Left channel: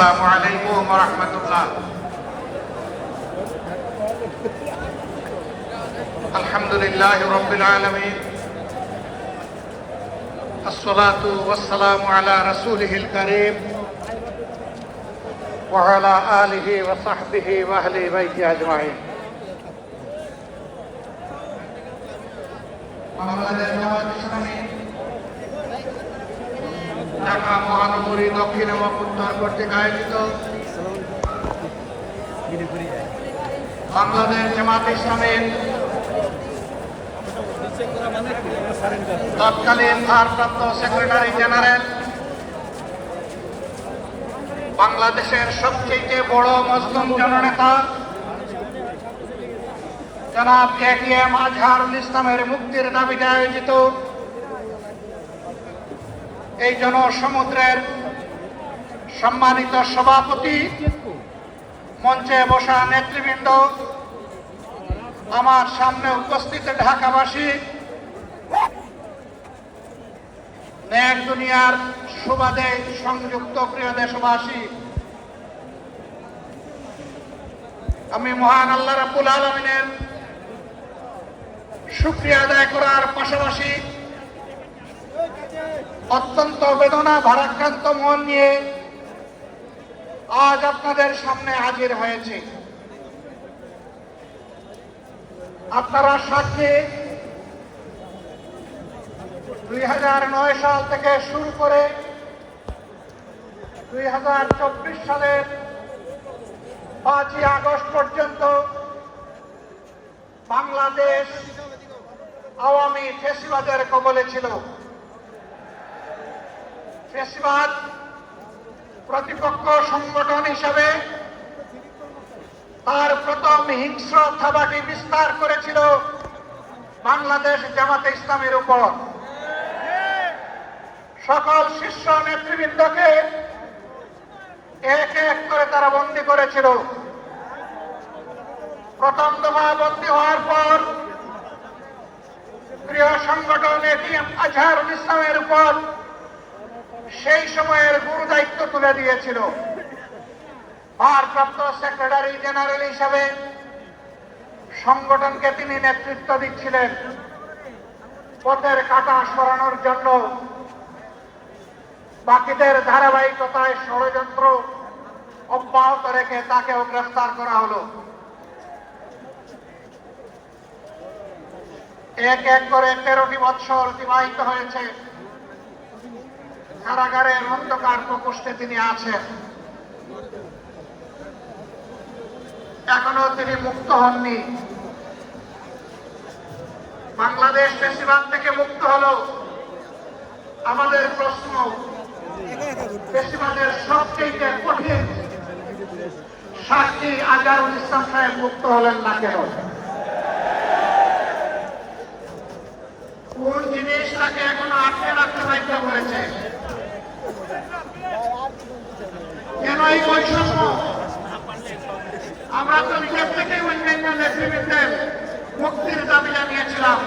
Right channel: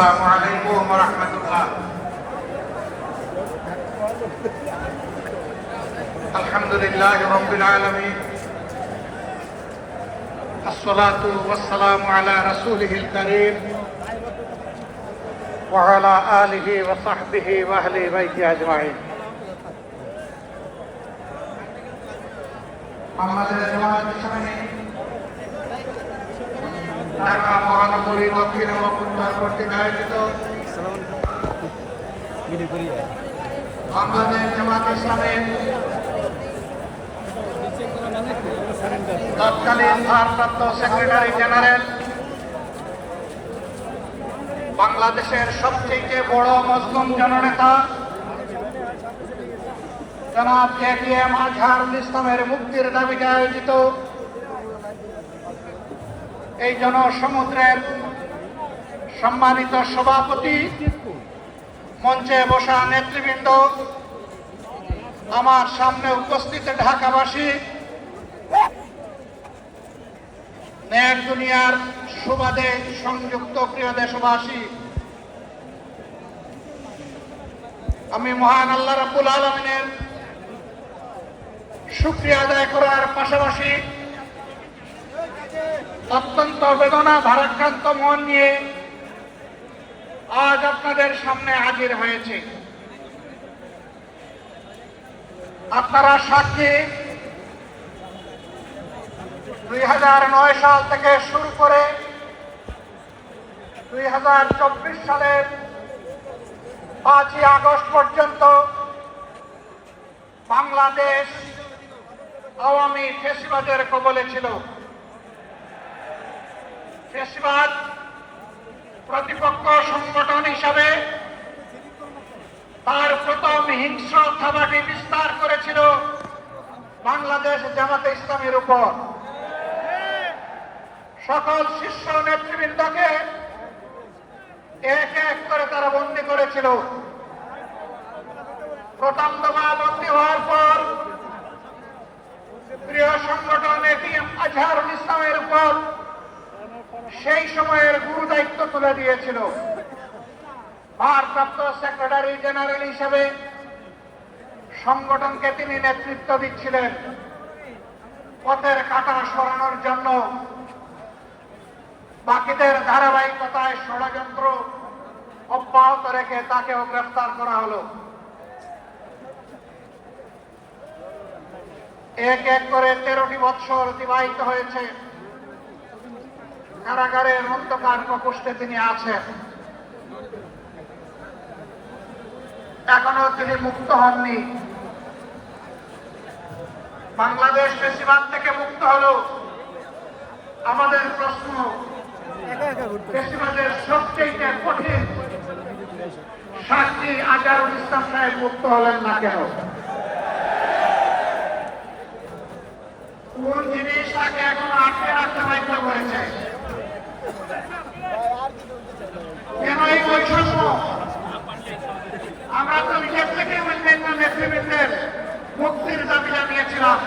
আসসালামু আলাইকুম ওয়া রাহমাতুল্লাহ। আলহামদুলিল্লাহি রাব্বিল আলামিন, আসসালাতু ওয়াসসালামু আলা রাসূলিহিল কারীম ওয়া আলা আলিহি ওয়া সাহবিহি ওয়া আহলি বাইতি আজমাইন। বাংলাদেশ জামায়াত ইসলামী ঢাকা মহানগরী দক্ষিণ এবং উত্তর কর্তৃক আয়োজিত বাংলাদেশ জামায়াত ইসলামীর তৎকালীন ভারপ্রাপ্ত সেক্রেটারি জেনারেল, বাংলাদেশের সবচেয়ে বড় মুসলিম জননেতা জনাব এটিএম আজহারুল ইসলামের মুক্তির দাবিতে আয়োজিত এই জনসমুদ্রের সম্মানিত সভাপতি, মঞ্চে বসা নেতৃবৃন্দ, আমার সামনে উপস্থিত ঢাকাবাসী, নেক দুনিয়ার সুবাদে সংযুক্ত প্রিয় দেশবাসী, আমি মহান আল্লাহ রাব্বুল আলামিনের শুকরিয়া আদায় করার পাশাপাশি অত্যন্ত বেদনা ভারাক্রান্ত মন নিয়ে আজ আপনাদের সামনে হাজির হয়েছে। আপনারা সাক্ষী, 2009 সাল থেকে শুরু করে 2024 সালের 5ই আগস্ট পর্যন্ত বাংলাদেশ আওয়ামী ফ্যাসিবাদের কবলে ছিল। ফ্যাসিবাদ প্রতিপক্ষ সংগঠন হিসাবে তার প্রথম হিংস্র থাবাটি বিস্তার করেছিল বাংলাদেশ জামাতে ইসলামের উপর। সকল শীর্ষ নেতৃবৃন্দকে এক এক করে তারা বন্দী করেছিল। প্রথম দফা বন্দী হওয়ার পর প্রিয় সংগঠন এটিএম আজহারুল ইসলামের উপর সেই সময়ের গুরু দায়িত্ব তুলে দিয়েছিল। ভারপ্রাপ্ত সেক্রেটারি জেনারেল হিসাবে সংগঠনকে তিনি নেতৃত্ব দিচ্ছিলেন। পথের কাঁটা সরানোর জন্য বাকিদের ধারাবাহিকতায় ষড়যন্ত্র অব্যাহত রেখে তাকেও গ্রেফতার করা হলো। এক এক করে 13টি বৎসর অতিবাহিত হয়েছে। কারাগারের অন্ধকার প্রকোষ্ঠে তিনি আছেন। এখনো তিনি মুক্ত হননি। বাংলাদেশ ফ্যাসিবাদ থেকে মুক্ত হলো। আমাদের প্রশ্ন, ফ্যাসিবাদের সবচেয়ে কঠিন সাক্ষী আজহারুল ইসলাম সাহেব মুক্ত হলেন না কেন? কোন জিনিস তাকে এখন আটকে রাখতে বাধ্য করেছে? কেন এই বৈষম্য? আমরা তো নিজের থেকে অন্যান্য নেতৃবৃন্দের মুক্তির দাবি জানিয়েছিলাম,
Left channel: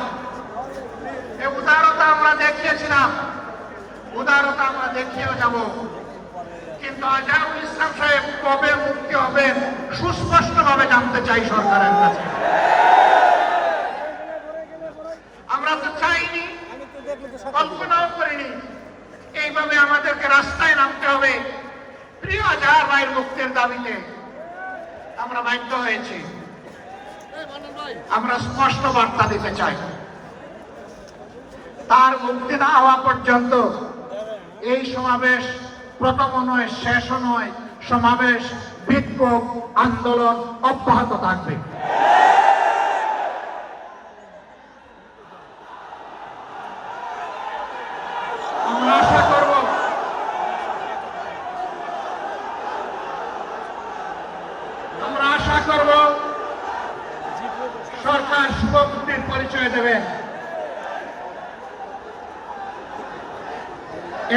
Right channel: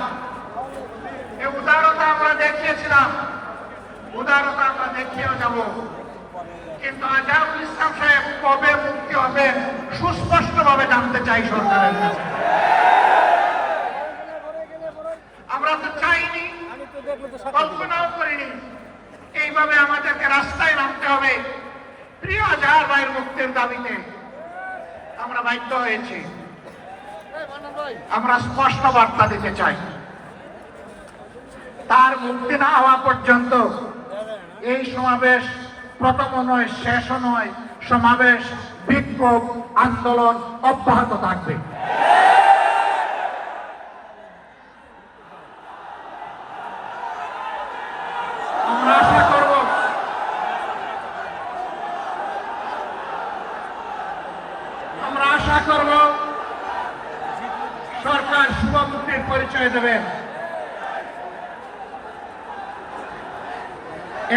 এই উদারতা আমরা দেখিয়েছিলাম, উদারতা আমরা দেখিয়ে যাব। কিন্তু আজহারুল ইসলাম সাহেব কবে মুক্তি হবে সুস্পষ্টভাবে জানতে চাই সরকারের কাছে। আমরা তো চাইনি, কল্পনাও করিনি এইভাবে আমাদেরকে রাস্তায় নামতে হবে প্রিয় আজহার ভাইয়ের মুক্তির দাবিতে। আমরা বাধ্য হয়েছি। আমরা স্পষ্ট বার্তা দিতে চাই, তার মুক্তি না হওয়া পর্যন্ত এই সমাবেশ প্রথম নয়, শেষও নয়। সমাবেশ, বিক্ষোভ, আন্দোলন অব্যাহত থাকবে। আমরা আশা করব সরকার শুভ মুক্তির পরিচয় দেবেন।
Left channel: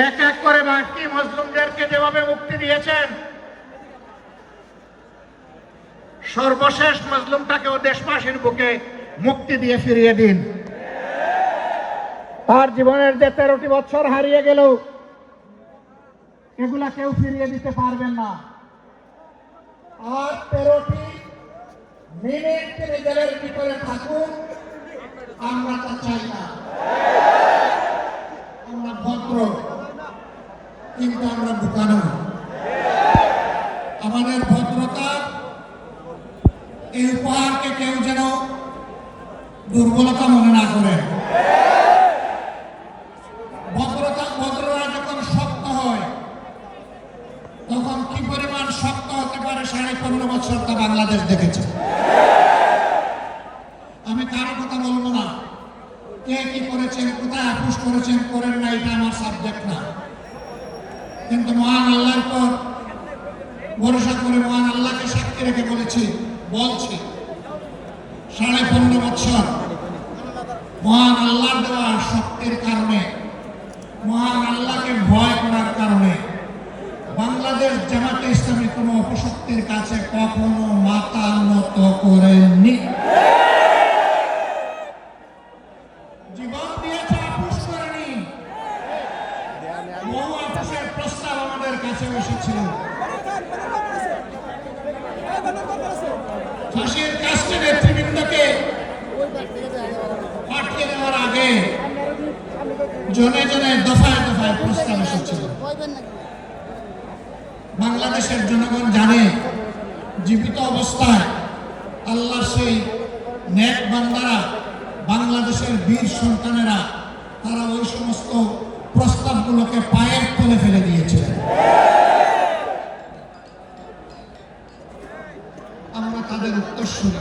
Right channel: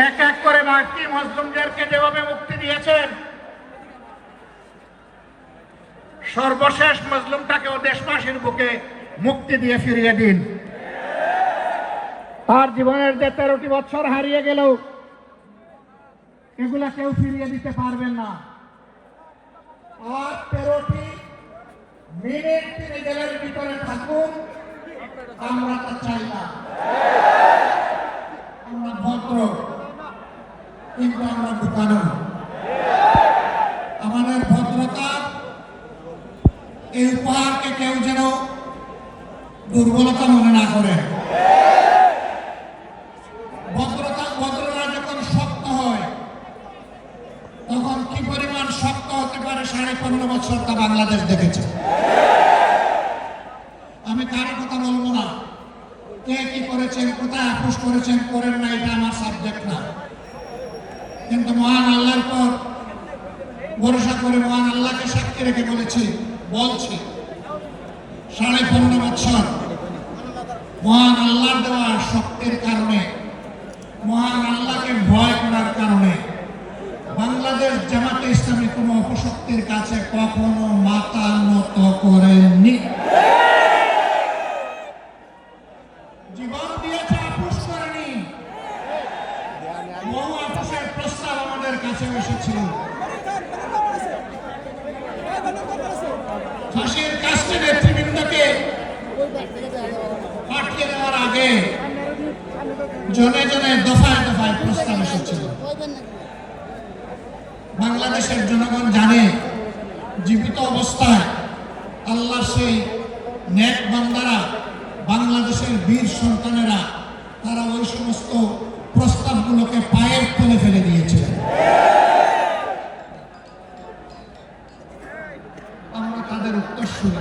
এক এক করে বাকি মুসলিমদেরকে যেভাবে মুক্তি দিয়েছেন, সর্বশেষ মজলুমটাকেও দেশবাসীর বুকে মুক্তি দিয়ে ফিরিয়ে দিন। তার জীবনের যে 13টি বছর হারিয়ে গেল, এগুলা কেউ ফিরিয়ে দিতে পারবেন না। আর 13টি মিনিট তিনি জেলের ভিতরে থাকুন, আমরা তা চাই না। আমরা ভদ্র, কিন্তু আমরা বোকানো। আমাদের ভদ্রতা এই উপহারকে কেউ যেন দুর্বলতা মনে না করে। ভদ্রতা যখন শক্ত হয়, তখন কি পরিমাণ শক্ত হতে পারে 15.5 বছর তা বাংলাদেশ দেখেছে। আমি কারো কথা বলবো না, কে কি করেছেন, কোথায় আপোষ করেছেন করেন না, এটা আমার সাবজেক্ট না। কিন্তু মহান আল্লাহর পর ভরসা করে মহান আল্লাহকে সাক্ষী রেখে বলছি 15.5 বছর মহান আল্লাহর দেওয়া শক্তির কারণে, মহান আল্লাহকে ভয় করার কারণে বাংলাদেশ জামাতে ইসলামী কোনো অপশক্তির কাছে কখনো মাথা নত করেনি। জীবন দিয়েছে, আপোষ করেনি। বহু আপোষের প্রস্তাব আমাদের কাছে এসেছিল। ফাঁসির কাস্টে নেতৃবৃন্দকে পাঠিয়ে দেওয়ার আগে জনে জনে দফায় দফায় প্রস্তাব এসেছিল। বাংলাদেশের জনগণ জানে জীবিত অবস্থায় আল্লাহর সেই নেক বান্দারা, বাংলাদেশের বীর সন্তানেরা, তারা ওই সমস্ত প্রস্তাবগুলোকে পায়ের তলে ফেলে দিয়েছিলেন। আমরা তাদের উত্তরসূরি।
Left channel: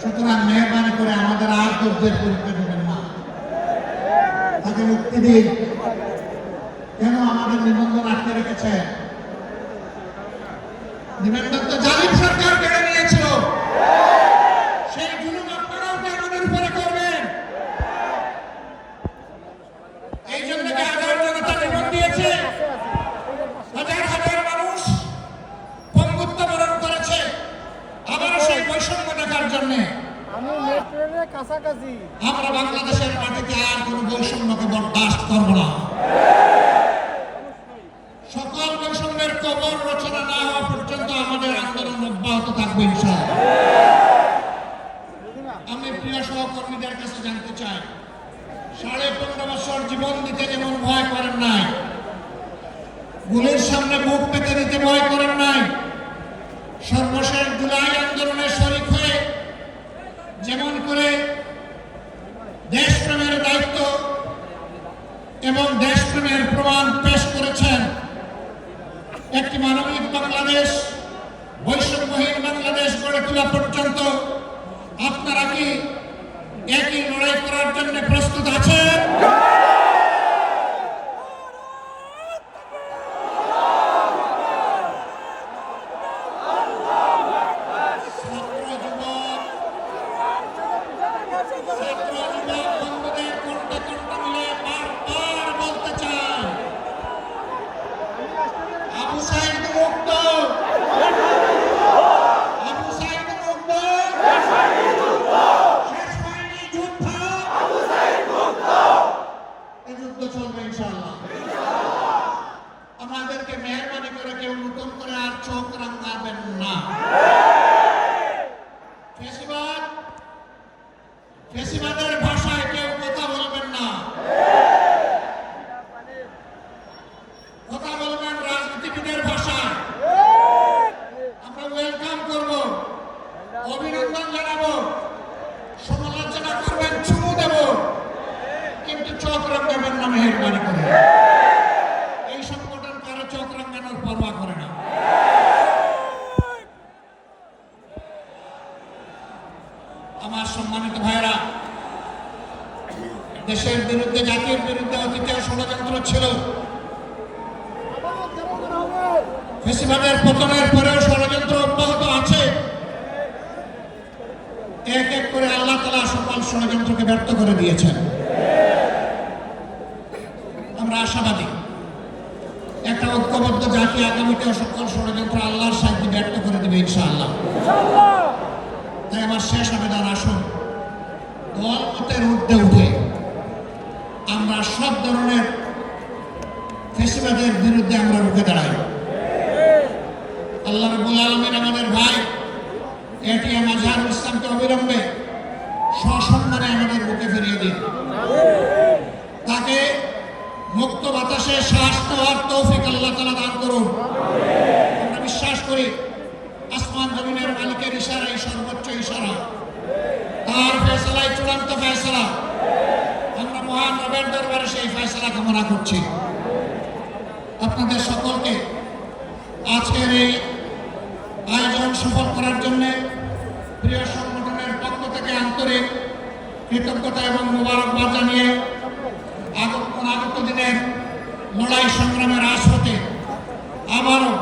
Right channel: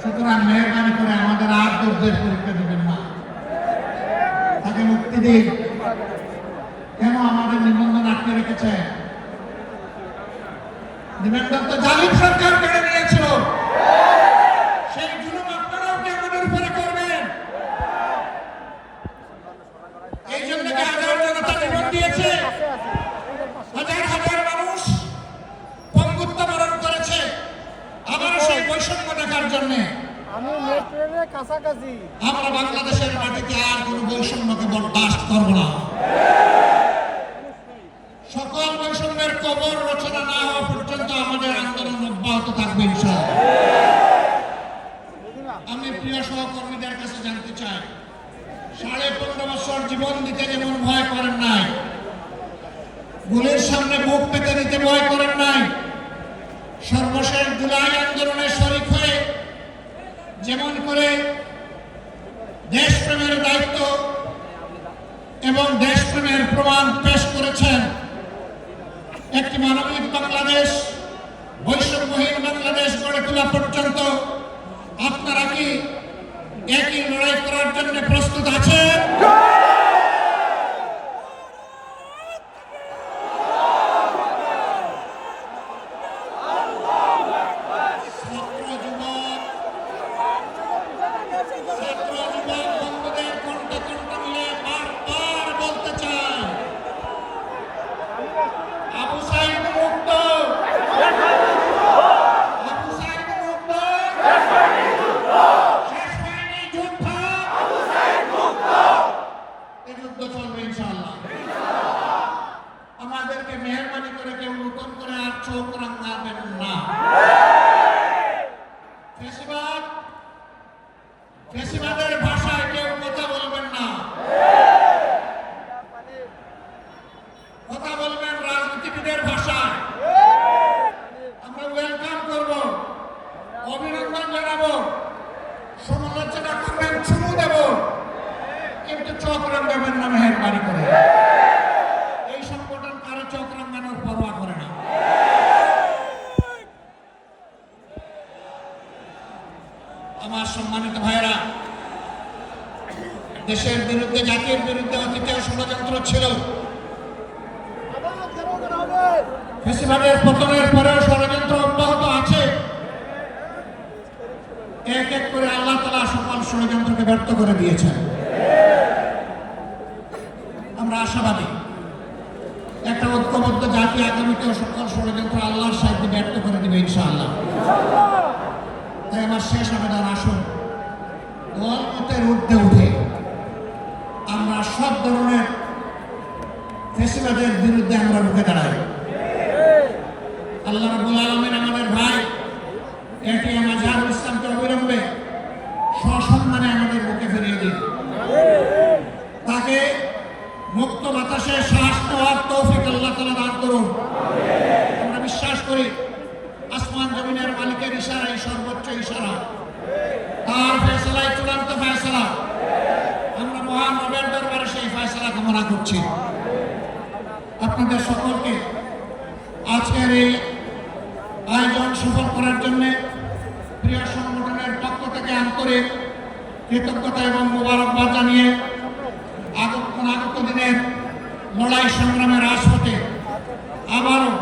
সুতরাং মেহরবানি করে আমাদের আর যুদ্ধের পরীক্ষা দেবেন না, তাকে মুক্তি দিন। কেন আমাদের নিবন্ধন আটকে রেখেছে? নিবন্ধন তো জালিম সরকার কেড়ে নিয়েছিল। সেই জুলুম আপনারাও কি আমাদের উপরে করবেন? এই জন্য কি হাজার জনতা জীবন দিয়েছে, হাজার হাজার মানুষ পঙ্গুত্ব বরণ করেছে, আবারও সেই বৈষম্য দেখার জন্য। আমরা বাংলাদেশের মাটিতে আর কোন বৈষম্যকে বরদাস্ত করব না। সকল বৈষম্যের কবর রচনা না হওয়া পর্যন্ত আমাদের আন্দোলন অব্যাহত থাকবে ইনশাআল্লাহ। আমি প্রিয় সহকর্মীদের কাছে জানতে চাই, 15.5 বছর জীবন দিতে যেমন ভয় করেন নাই, গুলির সামনে মুখ পেতে দিতে ভয় করেন নাই, সর্বশেষ জুলাই আন্দোলনে শরীক হয়ে যেমন করে দেশপ্রেমের দায়িত্ব এবং দেশপ্রেমের প্রমাণ পেশ করেছেন, একটি মানবিক বাংলাদেশ, বৈষম্যহীন বাংলাদেশ গড়ে তোলা পর্যন্ত আপনারা কি একই লড়াই করার জন্য প্রস্তুত আছেন? আমাদেরকে মেহরবানি করে কেউ নতুন করে আর চোখ রাঙাবেন না। ফেসিবাদের ভাষায় কেউ কথা বলবেন না, কথা বলবেন রাজনীতিবিদের ভাষায়। আমরা ওয়েলকাম করব, অভিনন্দন জানাবো, সমালোচনা করবেন, চুমু দেব, কিন্তু চোখ রাঙাবেন না মেহরবানি করে। এই সংগঠন কারো চোখ রাঙানোর পরোয়া করে না। আমার সম্মানিত ভাইরা, দেশের বিরুদ্ধে, জাতির বিরুদ্ধে অতীতেও ষড়যন্ত্র ছিল। ফেসিবাদের পতনের পরেও ষড়যন্ত্র অব্যাহত আছে। এক এক করে আল্লাহ তাআলা সকল ষড়যন্ত্রকে ব্যর্থ করে দিয়েছেন। আমরা আশাবাদী একটা ঐক্যবদ্ধ জাতি আগামীতেও সকল ষড়যন্ত্র আল্লাহর সাহায্যে ব্যর্থ করে দিবে ইনশাআল্লাহ। তাই আমার শেষ আবেদন, আসুন দলমতের ঊর্ধ্বে উঠে আমরা সব ধরনের ফেসিবাদের বিরুদ্ধে বিরুদ্ধে আমরা রুখে দাঁড়াই। আল্লাহ রাব্বুল আলামিন আমাদের ভাই এটিএম আজহারুল ইসলামকে অবিলম্বে সসম্মানে আমাদের বুকে ফিরিয়ে দিন। তাকে মুক্ত বাতাসে শ্বাস নেওয়ার তৌফিক আল্লাহ তাআলা দান করুন। আমরা বিশ্বাস করি আসমান জমিনের মালিকের ইশারাই সর্বোচ্চ ইশারা, তার ফয়সালাই চূড়ান্ত ফয়সালা। আমরা মহান রবের দরবারে সেই ফয়সালা কামনা করছি। আপনাদের সকলকে আজকের এই আয়োজন সফল করার জন্য প্রিয় সংগঠনের পক্ষ থেকে আন্তরিক কৃতজ্ঞতা এবং মোবারকবাদ জানিয়ে আগত দিনের লড়াই সংগ্রামের রাজপথে আবারও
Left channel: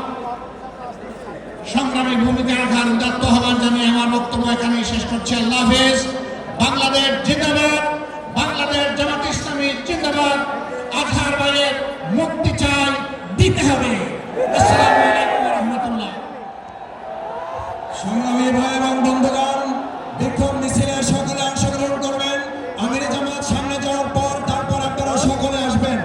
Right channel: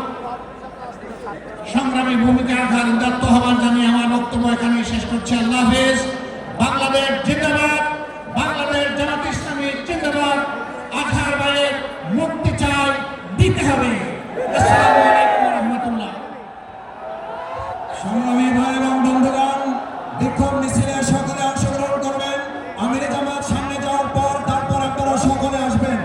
সংগ্রামী ভূমিকা রাখার উদাত্ত আহ্বান জানিয়ে আমার বক্তব্য এখানেই শেষ করছি। আল্লাহ হাফেজ। বাংলাদেশ জিন্দাবাদ, বাংলাদেশ জামাত ইসলামী জিন্দাবাদ। আজহার ভাইয়ের মুক্তি চাই, দিতে হবে। আসসালামু আলাইকুম ওয়া রাহমাতুল্লাহ। সংগ্রামী ভাই এবং বন্ধুগণ, বিক্ষোভ মিছিলে সকলে অংশগ্রহণ করবেন। আমির জামাত সামনে যাওয়ার পর তারপর আপনারা সকলে আসবেন।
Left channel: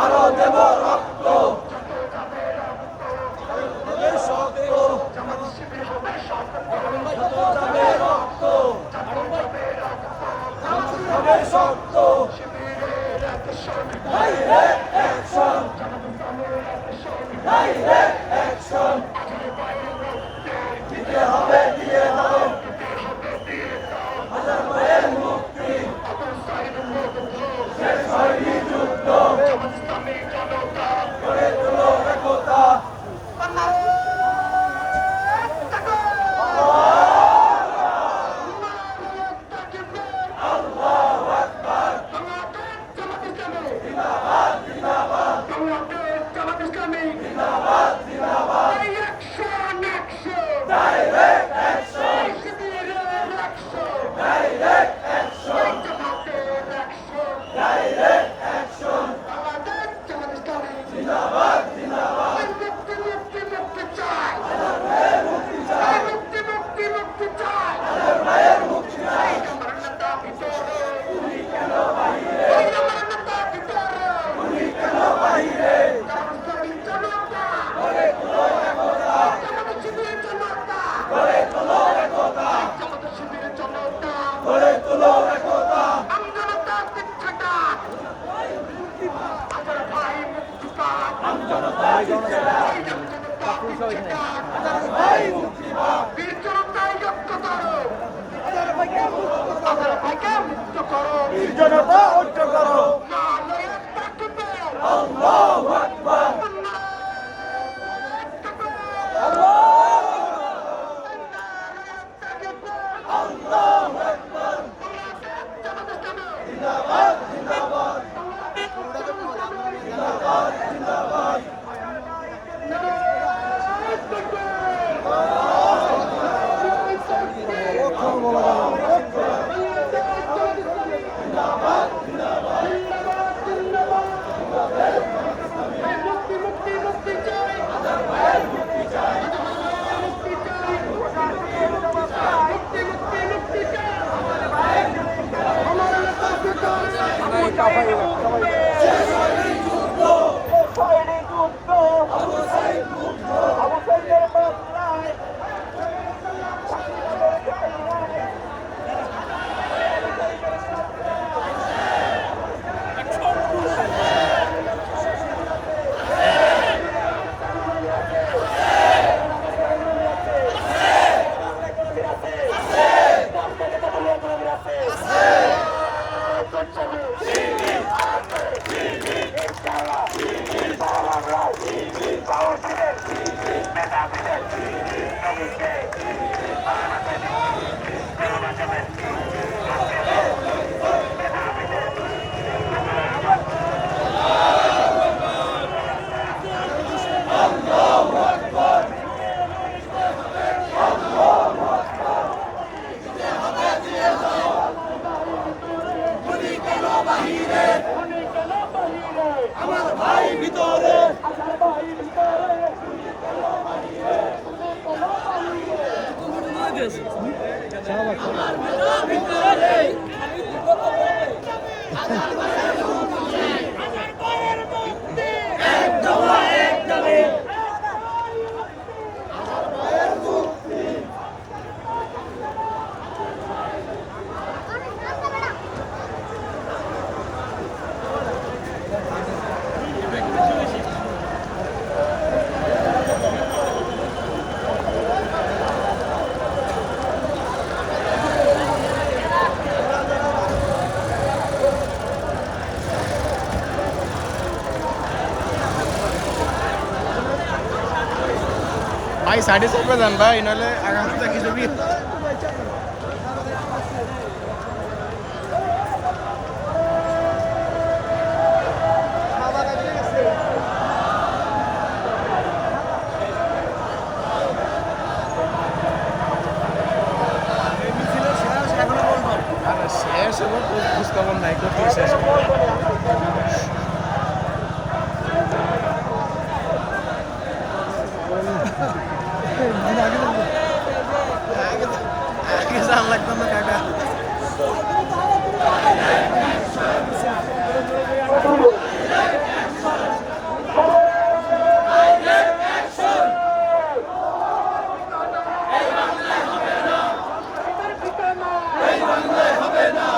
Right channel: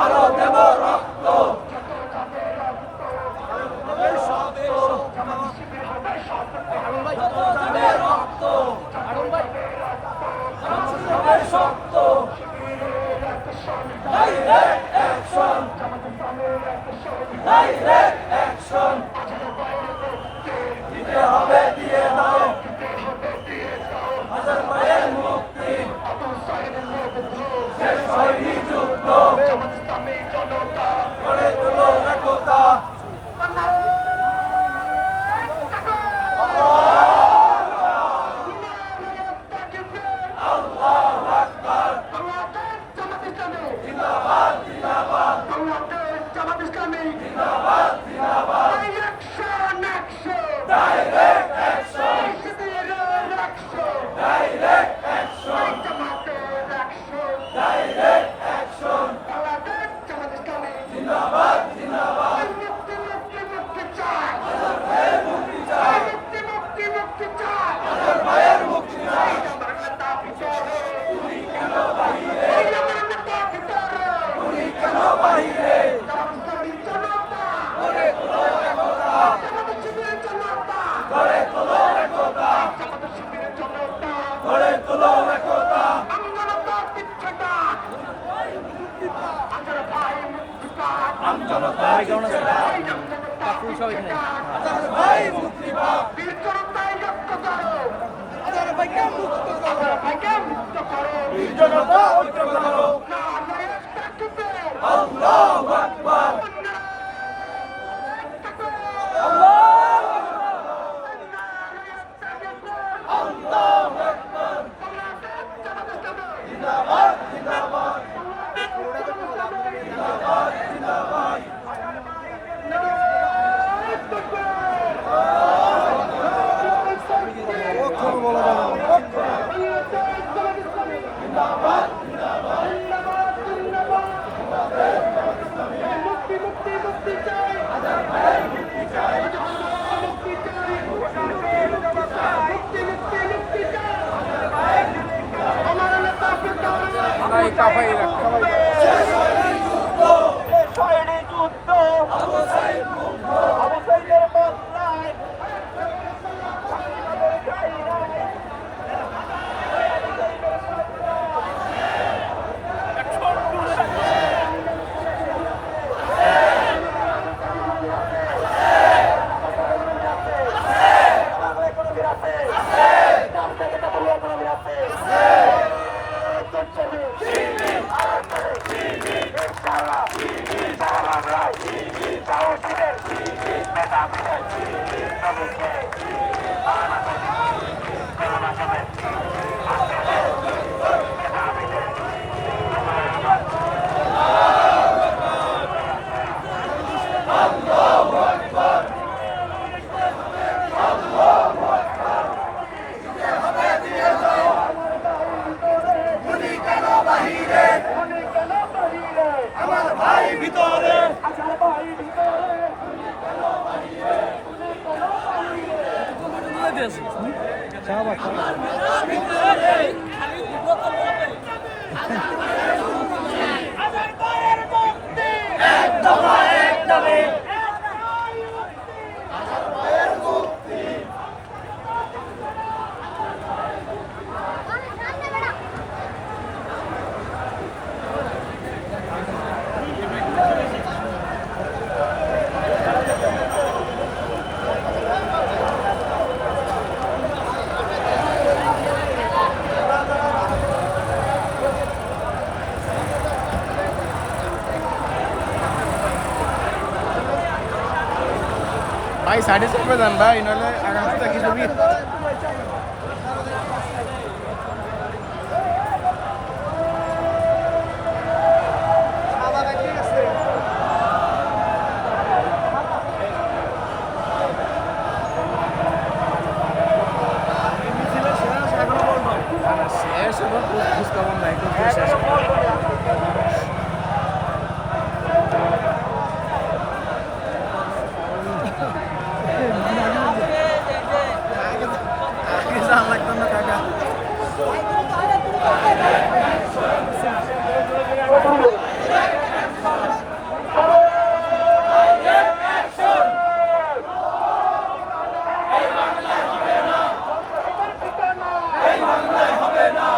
আরো দেব রক্ত হবে শক্ত যত যাবে রক্ত হবে শক্ত ভাই 4.5 যান ভাই, নাহলে আগামী থেকে ছবি শেষ হলো, খোঁজ খবর নাই, কোথাও শেষ হলো। লাগতো না টাকা। হবে না।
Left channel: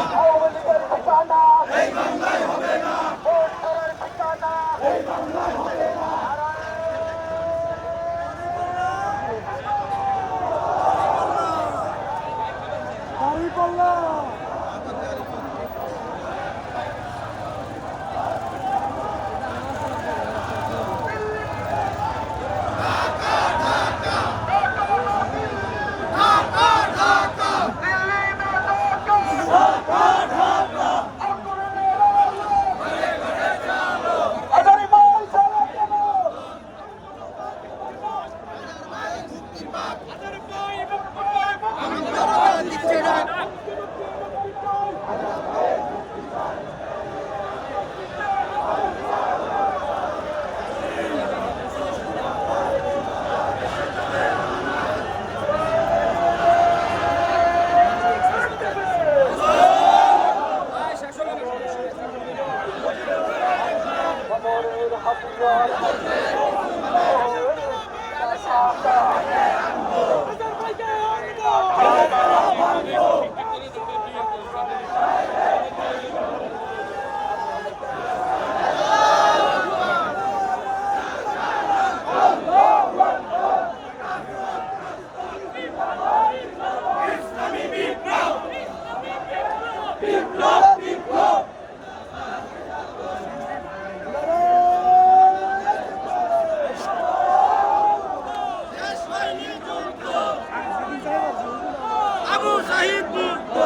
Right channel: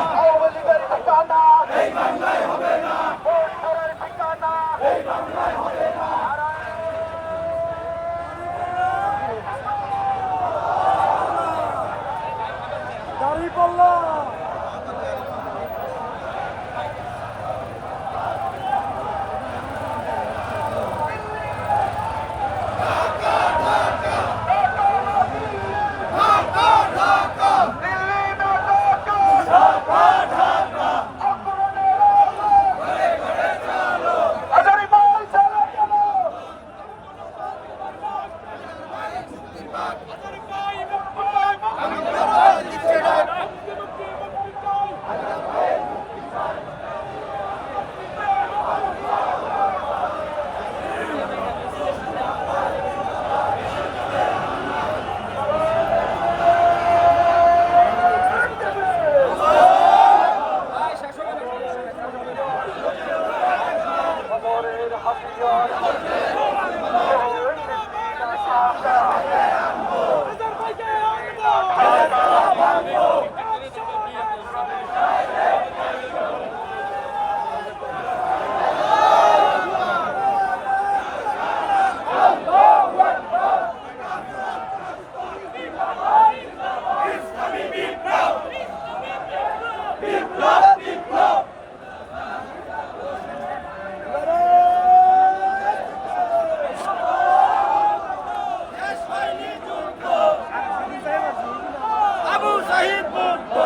আবু সাহিদ মুক্ত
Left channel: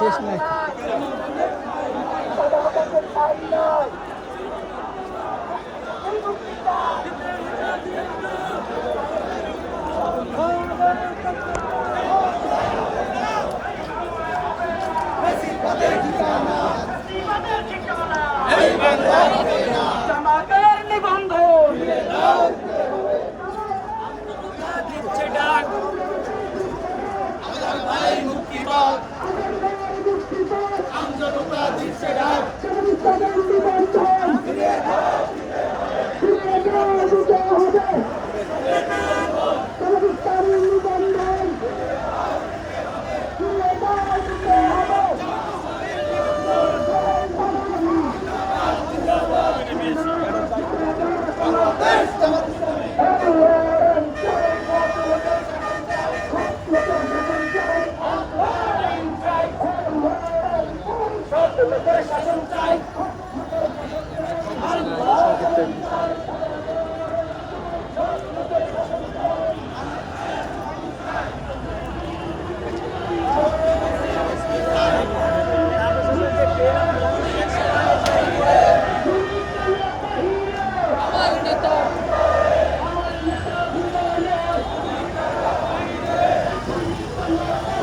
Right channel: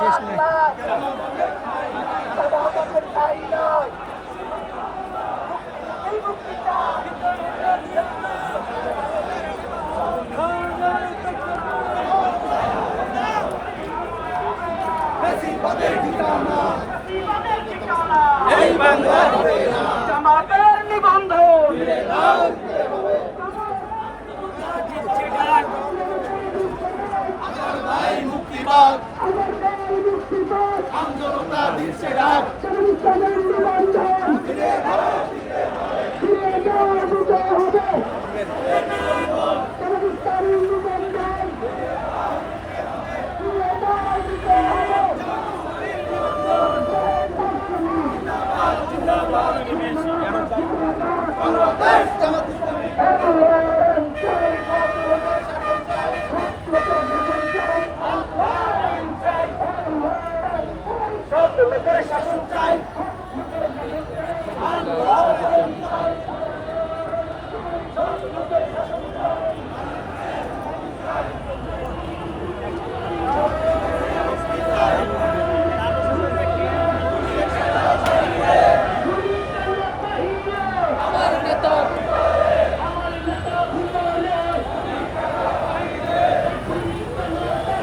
শেষ নাই এই জামাতের নিবন্ধন মুক্তিবাদ আমজনতা দিচ্ছে ডাক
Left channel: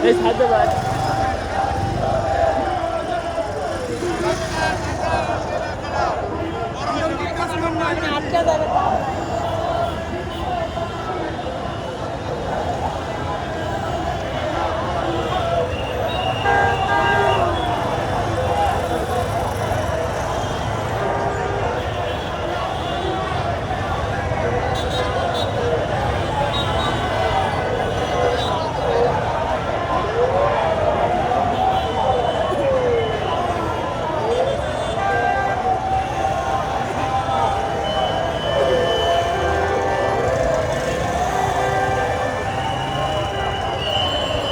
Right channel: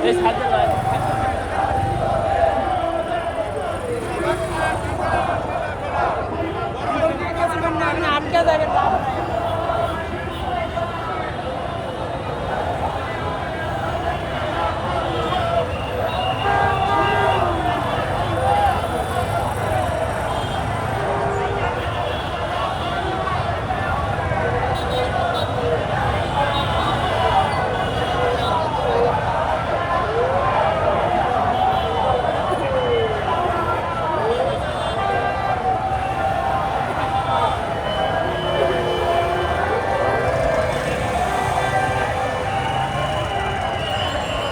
এই সাহায্য ভাই আটকে দেয়